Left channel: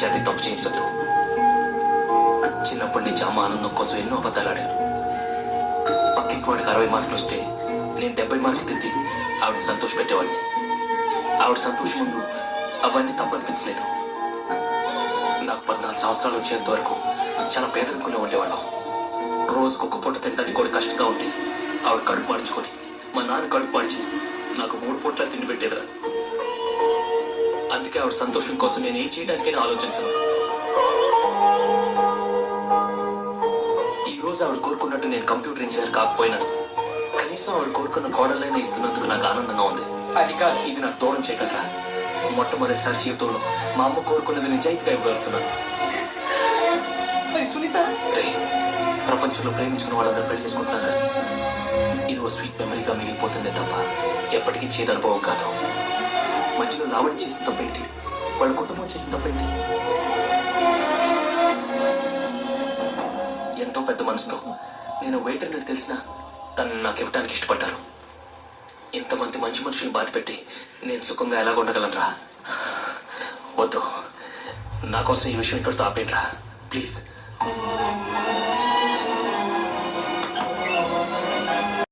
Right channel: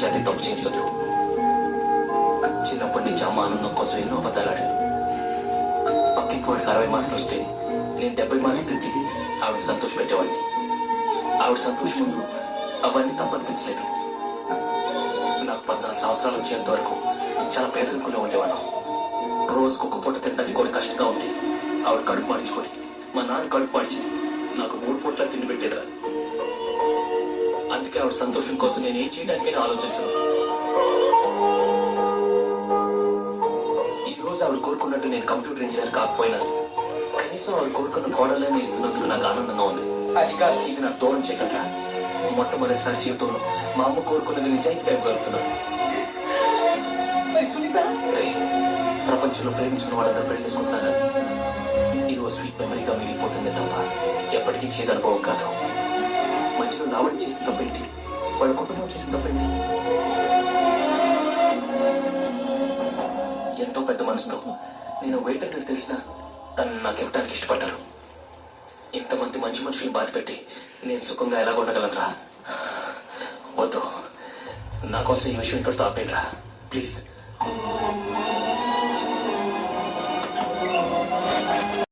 చేతి తప్పు చేయించద్దు. చిన్నప్పటి నుంచి అమ్మ ఆనందం కోసం ఎన్నో అబద్ధాలాడాను. పక్కింటి వాడికి 60 మార్కులు వస్తే నేను 70 మార్కులు తిరిగి ఆవిడ సంతోష పెట్టేవాడిని. ఆవిడ సంతోషం ముందు అవన్నీ తప్పనిపించలేదు. నాకు 14 సంవత్సరాలు వచ్చేంత వరకు చాలా పేదరికంలో ఉండేవాళ్ళం. రోజుకు ఒక పూట తినడానికి కూడా కష్టంగా ఉండి ఆవిడ కడుపు మార్చుకొని మా నాన్న కడుపు మార్చి నాకు 3 పూట్ల తిండి పెట్టేదిరా. అందుకే ఆవిడ సంతోషం కోసం నేను ఏం చేయడానికైనా ఆలోచిస్తున్నాను. ఈ రోజు ఆవిడ కోరుకున్నట్టు నేను కంప్యూటర్ ఇంజనీర్ కాకపోయినా కనీసం ఆవిడ కోరుకున్న కోడలైనా ఇస్తున్నందుకు నాకు ఆనందంగా ఉంది. అది కాదు ఇది నాకు దూరం చేయగలరా. మొట్టమొదటిసారి జీవితంలో మా అమ్మ కోరుకున్నది నిజాయితీగా ఇవ్వగలుగుతున్నాను. ప్రపంచంలో ప్రేమించుకున్న వాళ్ళందరూ పెళ్లి చేసుకుంటున్నారా? ఇది ఓ స్వీట్ మెమరీగా మిగిలిపోతుంది తప్ప ఎప్పటికీ చేదు అనుభవం కాదు. మధ్యలో లావణి చేసిన తప్పేంటి, వాళ్ళ కుటుంబం చేసిన తప్పేంటి? ఎంతో పెద్ద మనసుతో నేను వెయిటర్ అని తెలిసిన తను నాకు ఇవ్వడానికి ఇష్టపడ్డారు. ఇంతమంది మంచి మనుషులు బాధ పెట్టి నేను సుఖంగా ఎలాగ ఉండగలనరా? వద్దు, నా కోసం ఈ విషయం ఇక్కడితో ఆపేయండిరా ప్లీజ్.